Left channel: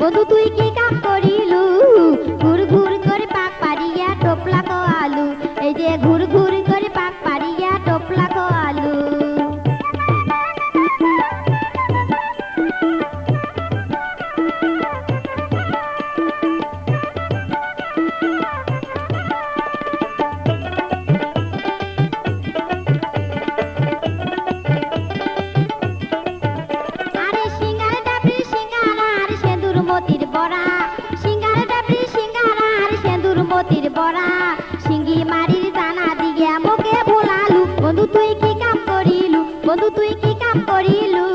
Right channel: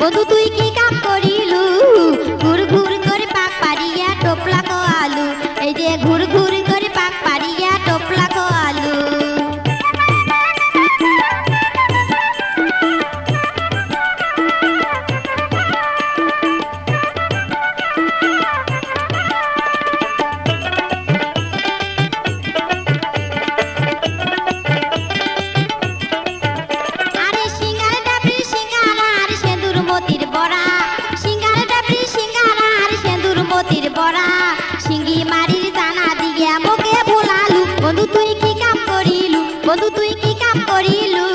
বন্ধু তুই কি কাম করিলু ঘুর ঘুর করে পাক পারিয়া টোপলা কো আলু এই যে ঘুর ঘুর করে পাক পারিয়া টোপলা কো আলু আরে সিঙ্গার ডাবরি সিঙ্গারা আর সেন্দুর মতির বড়া সিঙ্গার ডাবরি সিঙ্গারা আর সেন্দুর মতির বড়া সিঙ্গি মারির জানা দিয়া মোকে ভোলালু বন্ধু তুই কি কাম করিলু বন্ধু তুই কি কাম করিলু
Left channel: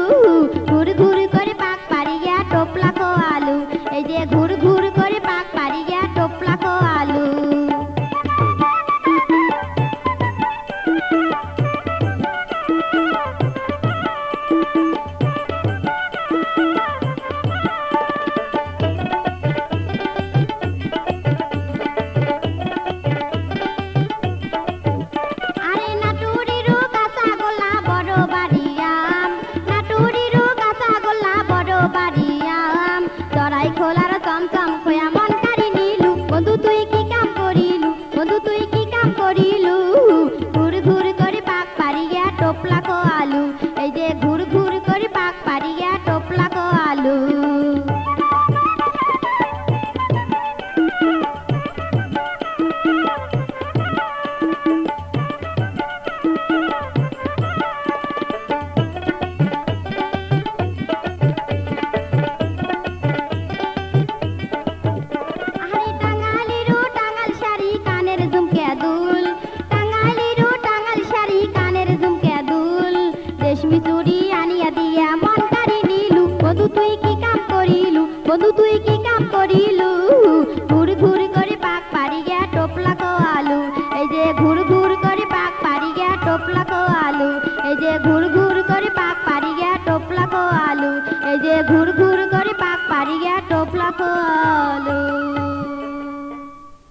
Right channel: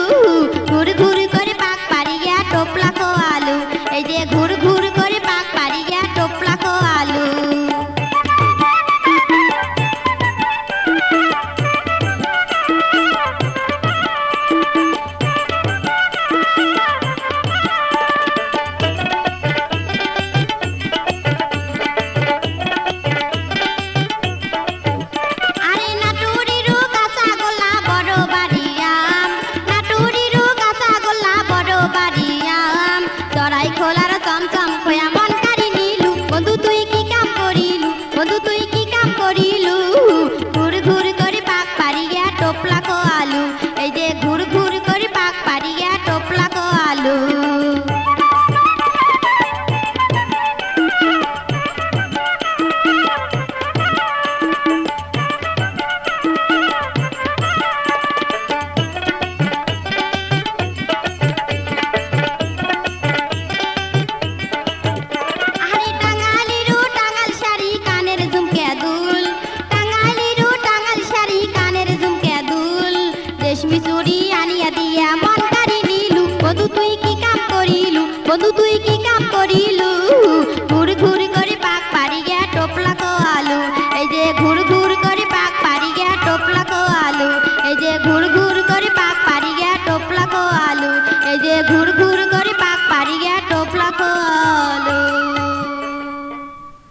ঘুর ঘুর করে পাক পারিয়া টোপলা কো আলু এই যে ঘুর ঘুর করে পাক পারিয়া টোপলা কো আলু আরে নাটুরিরু কাঁচা গোল্লা বড় বাড়িয়াম নাটুরিরু কাঁচা গোল্লা বড় বাড়িয়াম চড়াই খোলার চমচম খোয়া মন কারি নিলু বন্ধু তুই কি কাম করিলু বন্ধু তুই কি কাম করিলু ঘুর ঘুর করে পাক পারিয়া টোপলা কো আলু এই যে ঘুর ঘুর করে পাক পারিয়া টোপলা কো আলু আরে টাঙ্গালিরু টাঙ্গাল শাড়ি কানের ঝুমকে দুল টাঙ্গালিরু টাঙ্গাল শাড়ি কানের ঝুমকে দুল রেশমি চুড়ি আনিয়া দিয়া মন কারি নিলু বন্ধু তুই কি কাম করিলু বন্ধু তুই কি কাম করিলু ঘুর ঘুর করে পাক পারিয়া টোপলা কো আলু এই যে ঘুর ঘুর করে পাক পারিয়া টোপলা কো আলু এই যে ঘুর ঘুর করে পাক পারিয়া টোপলা কো আলু এই যে ঘুর ঘুর করে পাক পারিয়া